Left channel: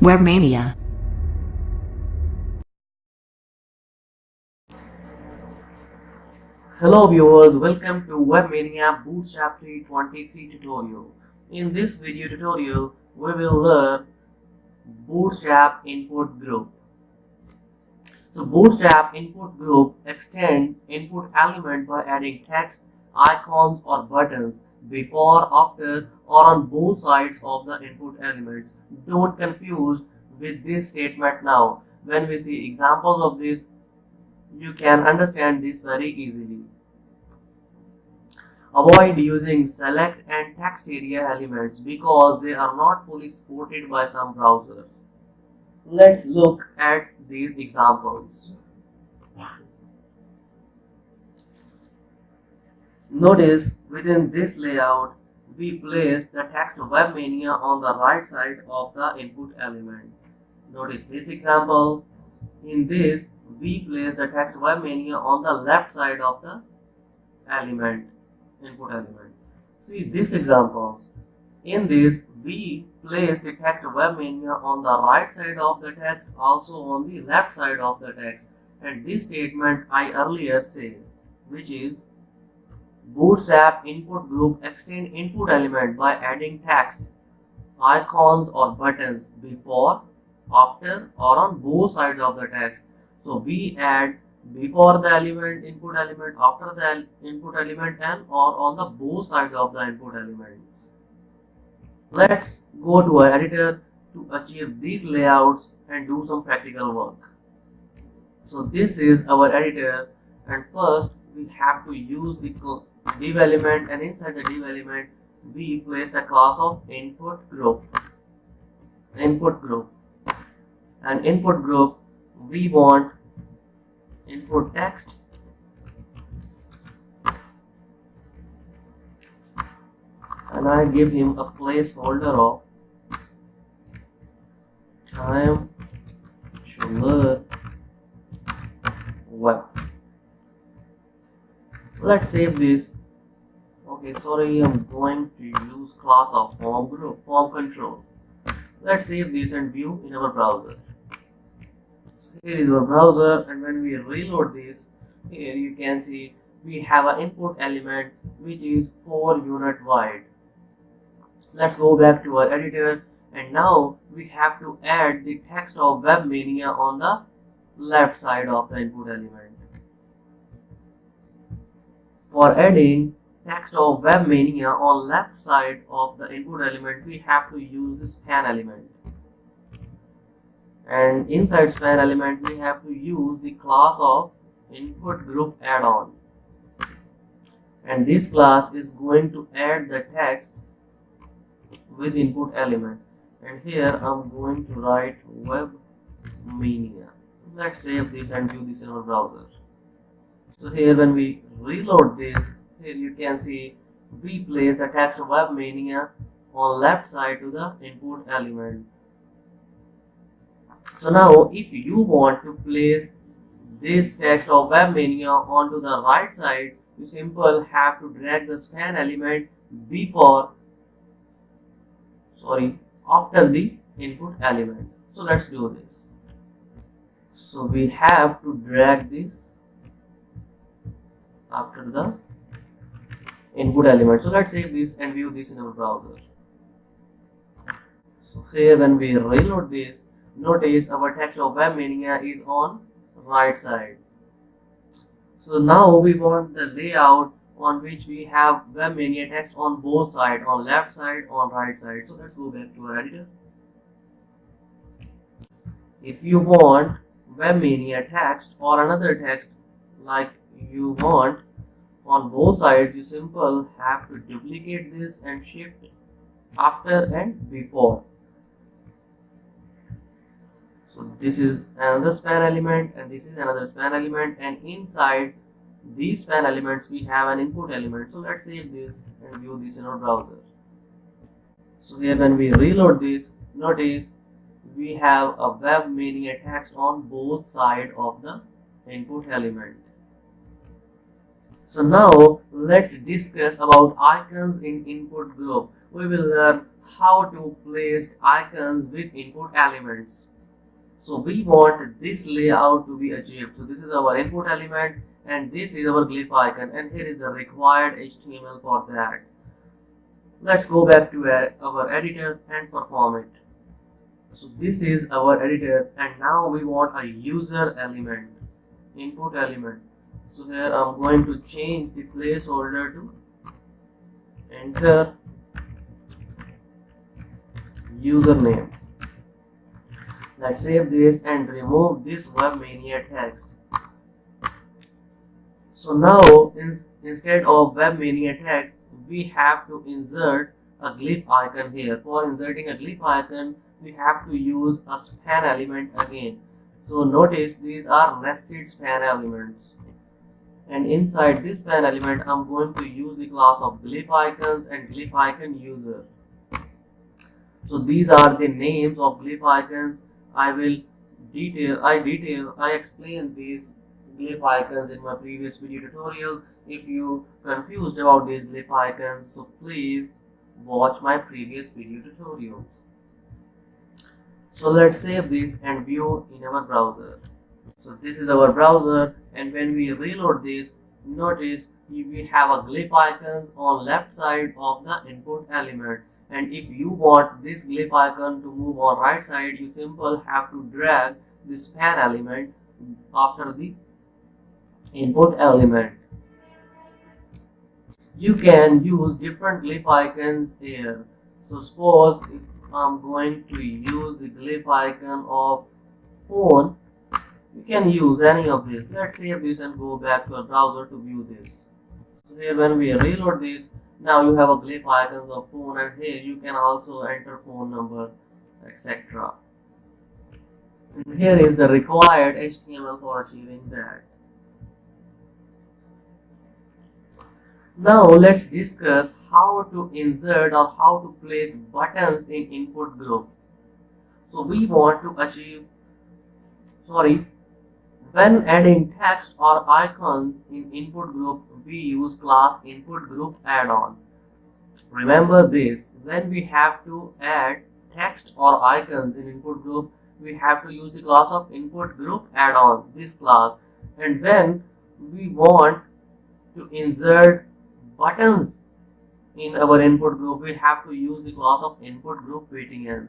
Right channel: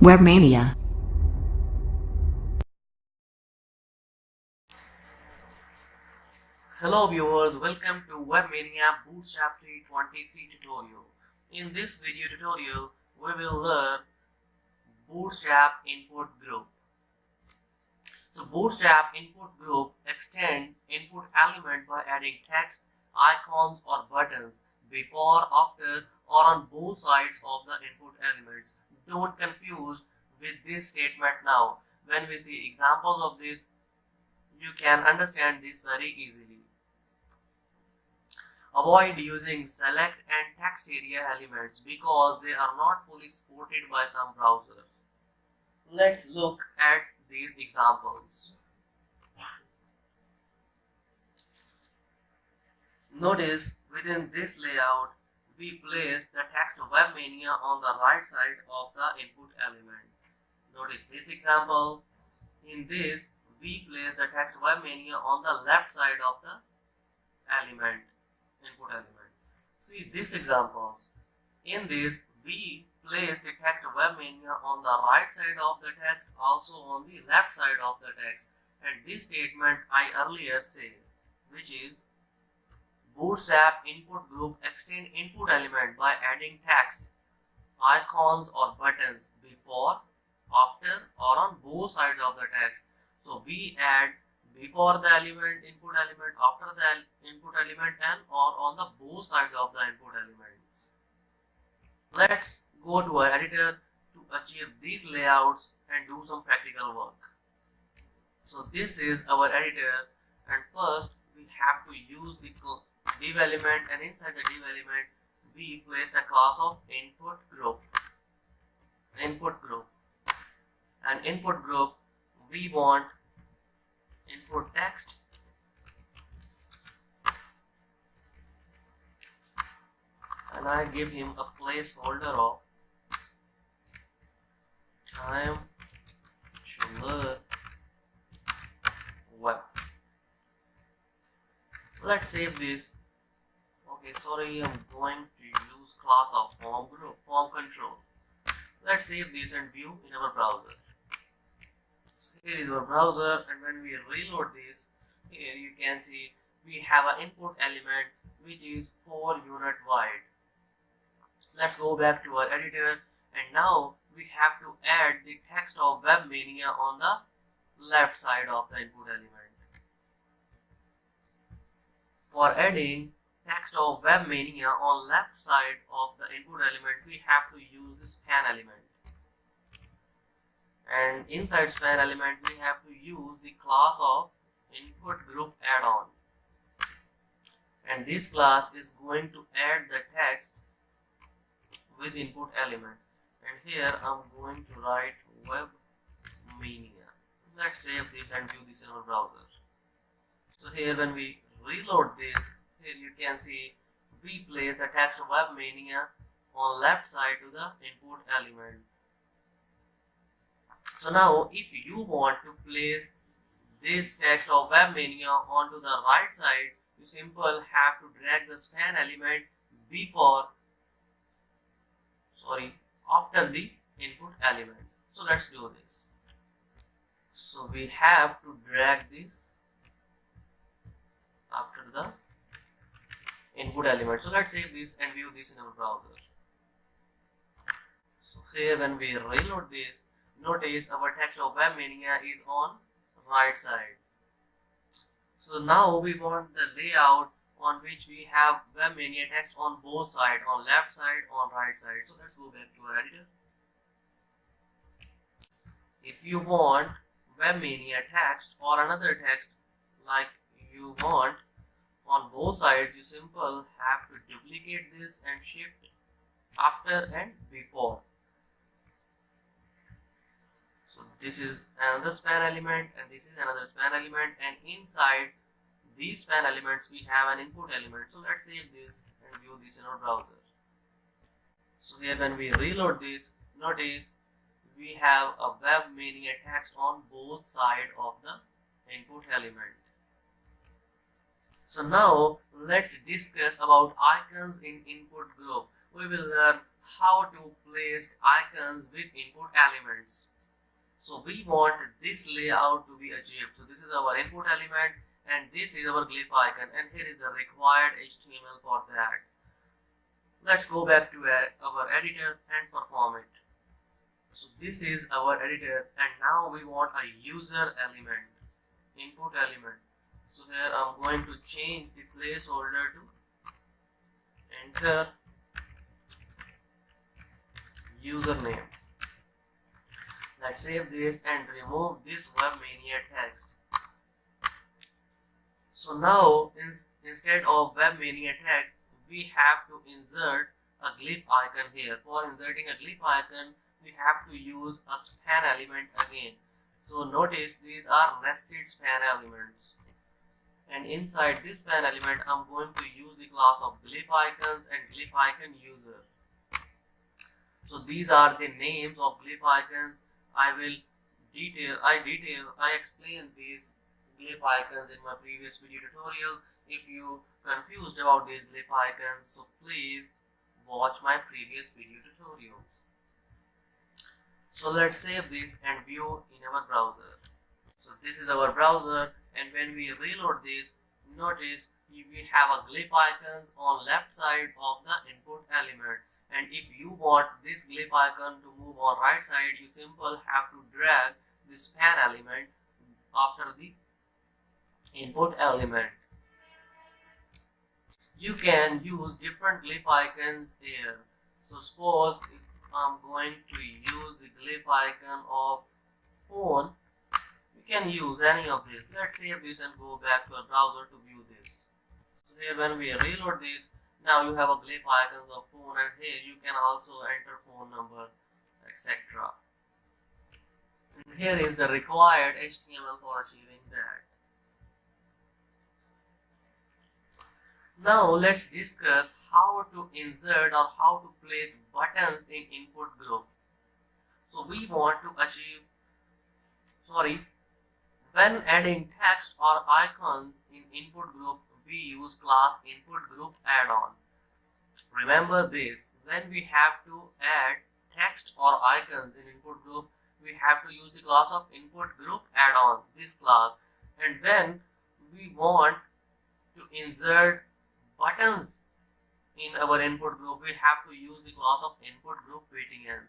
Webmania. Hello viewers, welcome to Webmania Bootstrap 323 tutorial. In this video tutorial, we will learn Bootstrap input group. So Bootstrap input group extend input element by adding text, icons or buttons before, after or on both sides of the input elements. Don't confuse with this statement now. When we see examples of this, you can understand this very easily. Avoid using select and text area elements because they are not fully supported by some browsers. Let's look at these examples. Notice within this layout, we placed the text Webmania on the right side of the input element. Notice this example. In this, we place the text Webmania on the left side of the input element. See these examples. In this, we place the text Webmania on the right side of the text, also on the left side of the text. And this statement I earlier said, which is Bootstrap input group extend input element by adding text, icons or buttons before, after or on both sides of the text. So we add before the input element, after the input element, and or on the both sides of the input elements. Let's go to our editor to achieve these layouts and do some practical work. So this is our editor, and first we have to use the div element, and inside the div element we placed a class of input group. And input group, we want input text, and I give him a placeholder of time to learn web. Let's save this. Okay, sorry, I'm going to use class of form control. Let's save this and view in our browser. So here is our browser, and when we reload this, here you can see we have an input element which is 4 unit wide. Let's go back to our editor, and now we have to add the text of Webmania on the left side of the input element. For adding text of Webmania on left side of the input element, we have to use the span element. And inside span element, we have to use the class of input-group-addon. And this class is going to add the text with input element. And here I'm going to write Webmania. Let's save this and view this in our browser. So here when we reload this, here you can see we place the text of Webmania on left side to the input element. So now if you want to place this text of Webmania onto the right side, you simply have to drag the span element after the input element. So let's do this. So we have to drag this after the input element. So let's save this and view this in our browser. So here when we reload this, notice our text of Webmania is on right side. So now we want the layout on which we have Webmania text on both sides, on left side, on right side. So let's go back to our editor. If you want Webmania text or another text like you want on both sides, you simply have to duplicate this and shift after and before. So this is another span element, and this is another span element, and inside these span elements we have an input element. So let's save this and view this in our browser. So here when we reload this, notice we have a Webmania text on both sides of the input element. So now let's discuss about icons in input group. We will learn how to place icons with input elements. So we want this layout to be achieved. So this is our input element and this is our glyph icon, and here is the required HTML for that. Let's go back to our editor and perform it. So this is our editor, and now we want a user element, input element. So here I'm going to change the placeholder to enter username. Let's save this and remove this Webmania text. So now instead of Webmania text, we have to insert a glyph icon here. For inserting a glyph icon, we have to use a span element again. So notice these are nested span elements. And inside this span element, I'm going to use the class of glyph icons and glyph icon user. So these are the names of glyph icons. I explained these glyph icons in my previous video tutorial. If you confused about these glyph icons, so please watch my previous video tutorials. So let's save this and view in our browser. So this is our browser, and when we reload this, notice we have a glyph icons on left side of the input element. And if you want this glyph icon to move on right side, you simply have to drag the span element after the input element. You can use different glyph icons here. So suppose if I'm going to use the glyph icon of phone, you can use any of this. Let's save this and go back to our browser to view this. So here when we reload this, now you have a glyph icons of phone, and here you can also enter phone number, etc. And here is the required HTML for achieving that. Now let's discuss how to insert or how to place buttons in input group. So we want to achieve, when adding text or icons in input group, we use class input-group-addon. Remember this, when we have to add text or icons in input group, we have to use the class of input-group-addon, this class. And when we want to insert buttons in our input group, we have to use the class of input-group-btn.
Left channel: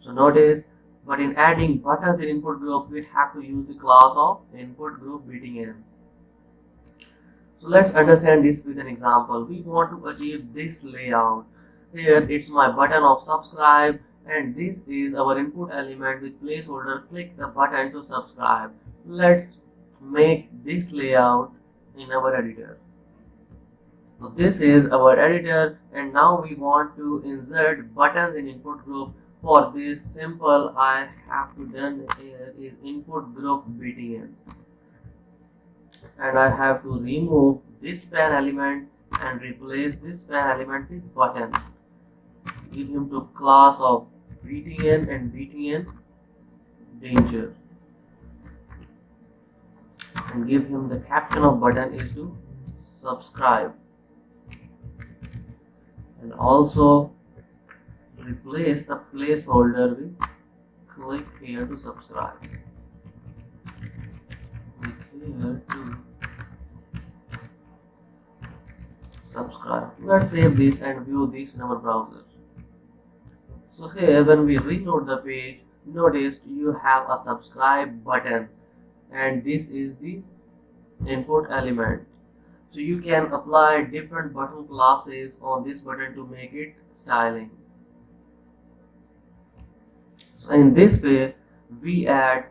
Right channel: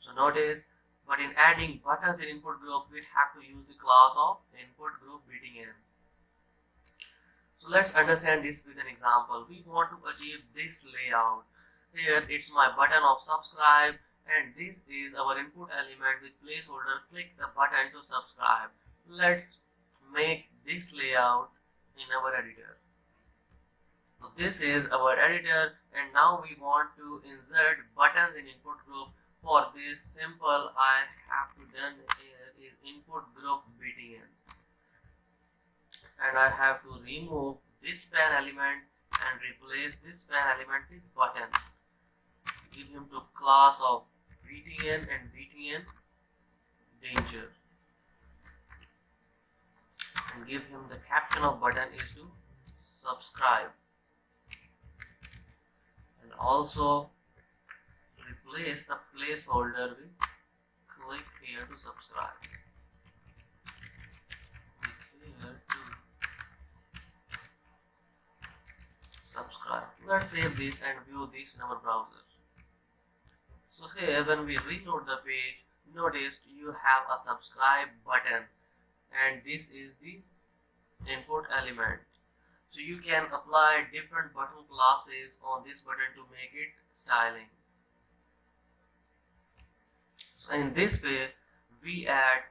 So notice, but in adding buttons in input group, we have to use the class of input-group-btn. So let's understand this with an example. We want to achieve this layout. Here it's my button of subscribe, and this is our input element with placeholder. Click the button to subscribe. Let's make this layout in our editor. So this is our editor, and now we want to insert buttons in input group. For this simple, I have to done here is input-group-btn, and I have to remove this span element and replace this span element with button. Give him to class of btn and btn danger, and give him the caption of button is to subscribe, and also replace the placeholder with click here to subscribe. Click here to subscribe. Let's save this and view this in our browser. So here when we reload the page, notice you have a subscribe button, and this is the input element. So you can apply different button classes on this button to make it styling. So in this way, we add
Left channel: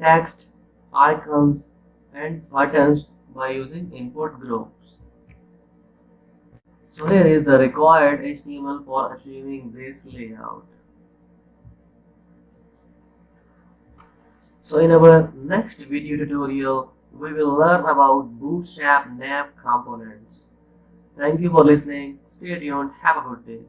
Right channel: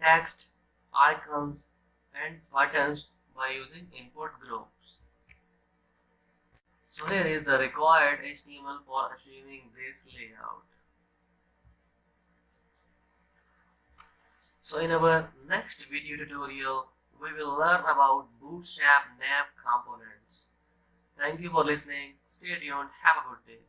text, icons, and buttons by using input groups. So here is the required HTML for achieving this layout. So in our next video tutorial, we will learn about Bootstrap nav components. Thank you for listening. Stay tuned. Have a good day.